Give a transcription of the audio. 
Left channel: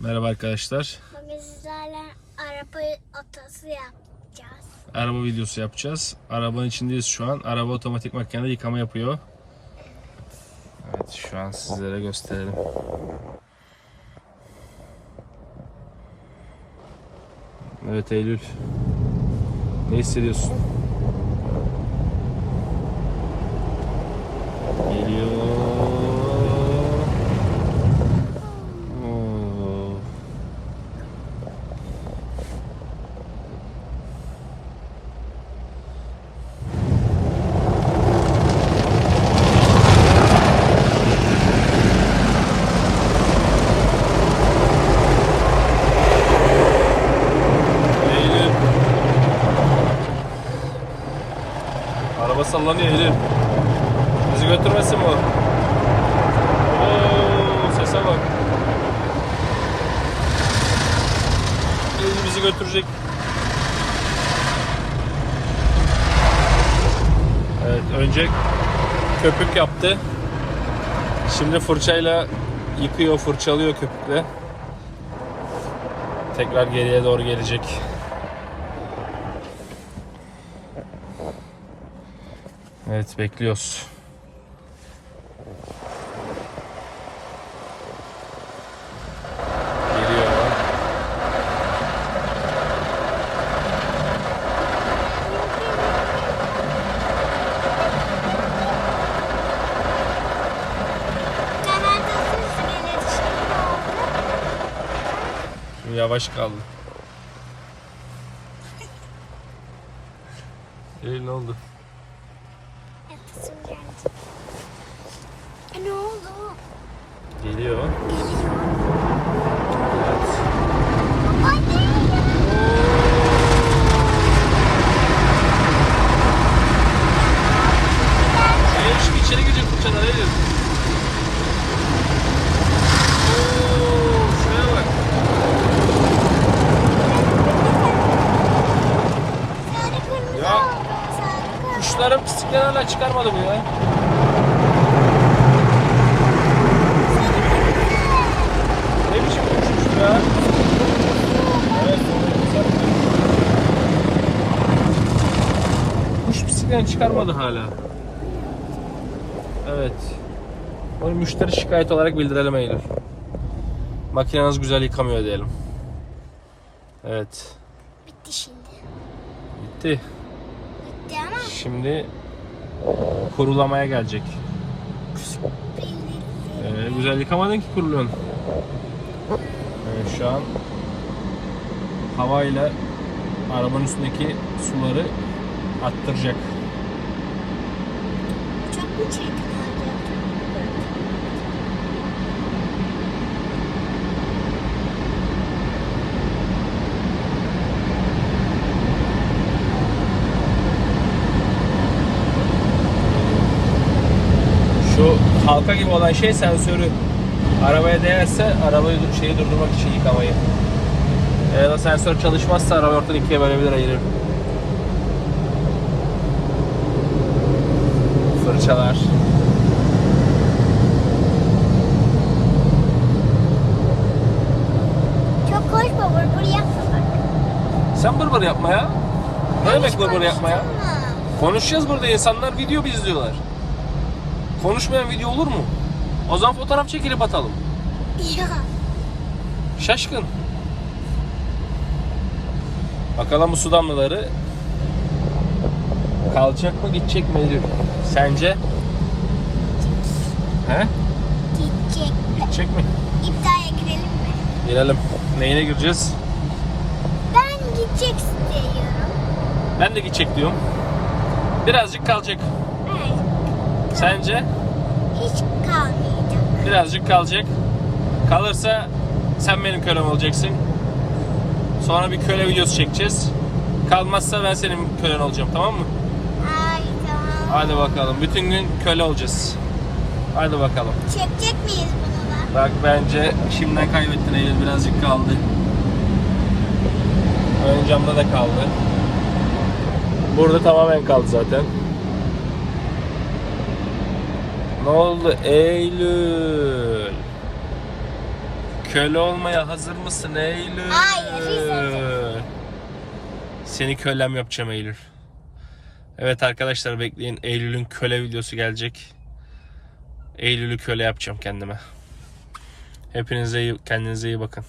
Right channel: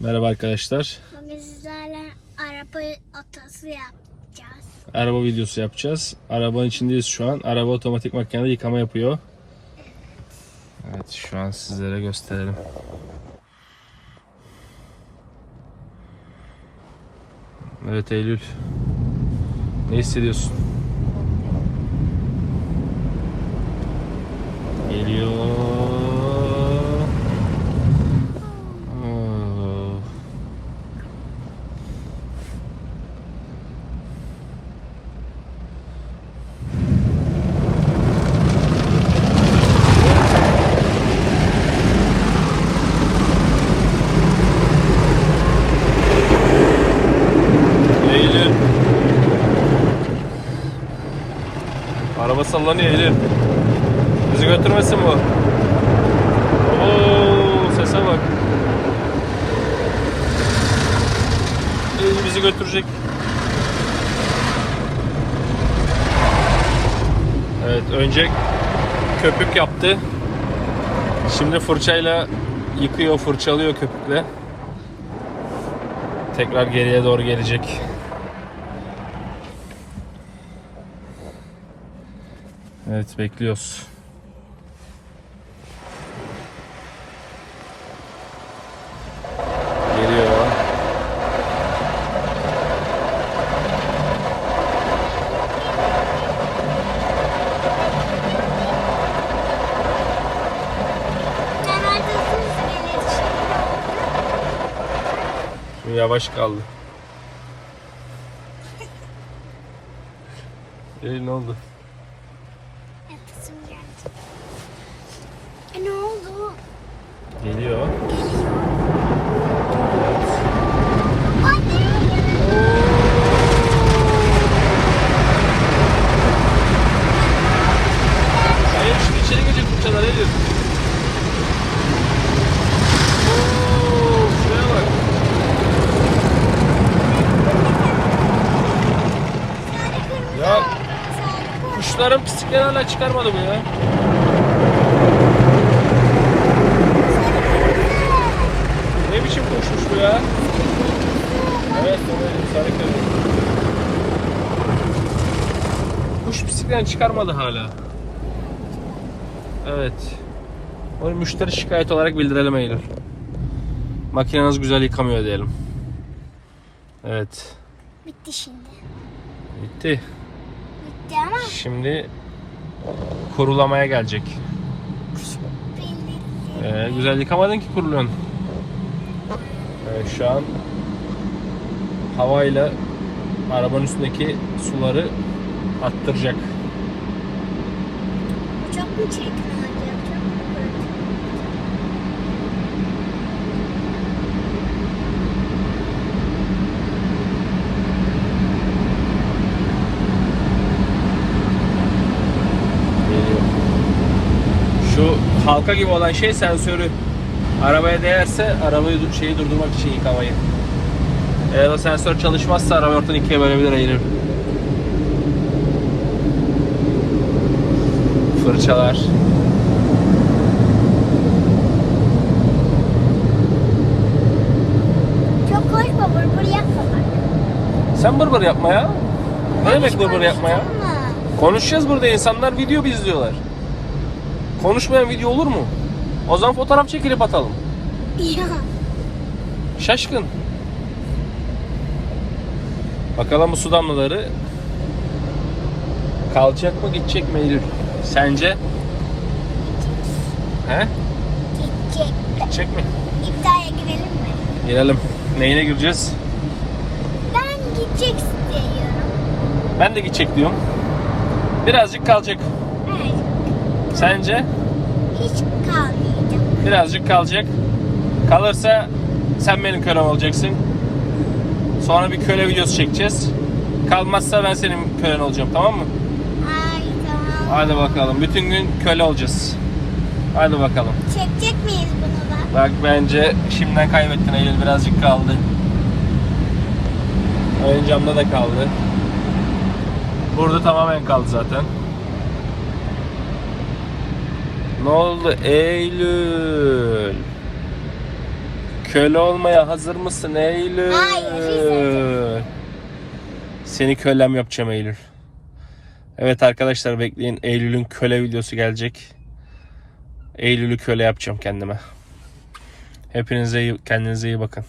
Merhaba arkadaşlar. Bugün sizlerle araba atası yapacağız. Araba videosu yapacağız. Arabanın içindeyiz şu an. Araba otomatik makinede yıkama yapıyor. Evet şu an sizlere gösterelim. Evet Eylül. Ne hissediyorsun? Geliyor. Hmm. Eylül. Araba sallanıyor Eylül. Bizi götürmesin bu. Oo, sese bak. Eylül bizi götürecek. Evet önce köpük yaptı. Şimdi fırçayla yıkıyor, fırçalıyor köpükle. Tekrar geriye doğru gelecek. Evet bekliyoruz. Yavaş kaldı. Eylül ne oldu? Geldi. E, ne oldu? Geliyor. Anne! Hayır şimdi içeri girecek fırçalar ne diyorsun? Oo, Şuraya bak. Ya kuşların pisliklerini hala çıkarmadım ya. Ne biçim kuşmuş bu ya? Evet, evet, Kuş pisliklerini çıkarmadı hala. Evet. Bunu müşteri şikayet olarak bildirelim Eylül. Makineniz güzel yıkamıyor diyelim. Evet. Bitti şimdi. Bitti. Bitti ama Şimdi kurulamaya gelecek. Ee, güzel yıkamadın ki kuruluyorsun. Evet şu an havayla arabanın üstündeki suları attıracak. çok mu çekti? Şu gibi olan şey sensörü. Arabaya değerse arabayı şeyi durdurmak için yıkamayı. Eğer o sensör çalışmazsa arabayı ortadan ikiye bölebilir eğilir. Fırçalar. Çok konuşma vur vur yapma bak. Sen bır bır yapma ya. Ne demek hiç bır bır yapma ya? Konuşacağız burada insanlar video izliyorlar. Konuşmayan video olur mu? O zaman fotoğraf çekilip atalım. Ya. Şaşkın. Bakalım bu su damlaları kalacak mı gidecek mi Eylül? Sence? He? Gidecek. Gidecek mi? İddiaya girelim mi? Girelim. Neyle gireceğiz? Ben gidecek istiyorum. Ben de gidecek diyorum. Birazcık kalacak. Evet. Sence? Hiç kalmayacak. Birazcık kalacak. Kalırsa sen benim kölem olacaksın. Sonra bir köle videosu çekeceğiz. Kalmazsa ben senin kölen olacağım tamam mı? Ay tamam. Hadi bakalım. Bütün gün köle olacağız. Hadi bakalım. Çekecek miyiz bunu da? Bak bence şimdiden kaybettin Eylül birazcık kaldı. Ön camda da kaldı. Burada tamamen kaldı zaten. Ne oldu Eylül? Köle olmaya hazır mısın Eylül? Hayır. Seni kölem yapacağım Eylül. Evet arkadaşlar bekleyin. Eylül'ün köle videosu gelecek. Eylül'ü köle yapacağım kendime. Hepinize iyi, kendinize iyi bakın.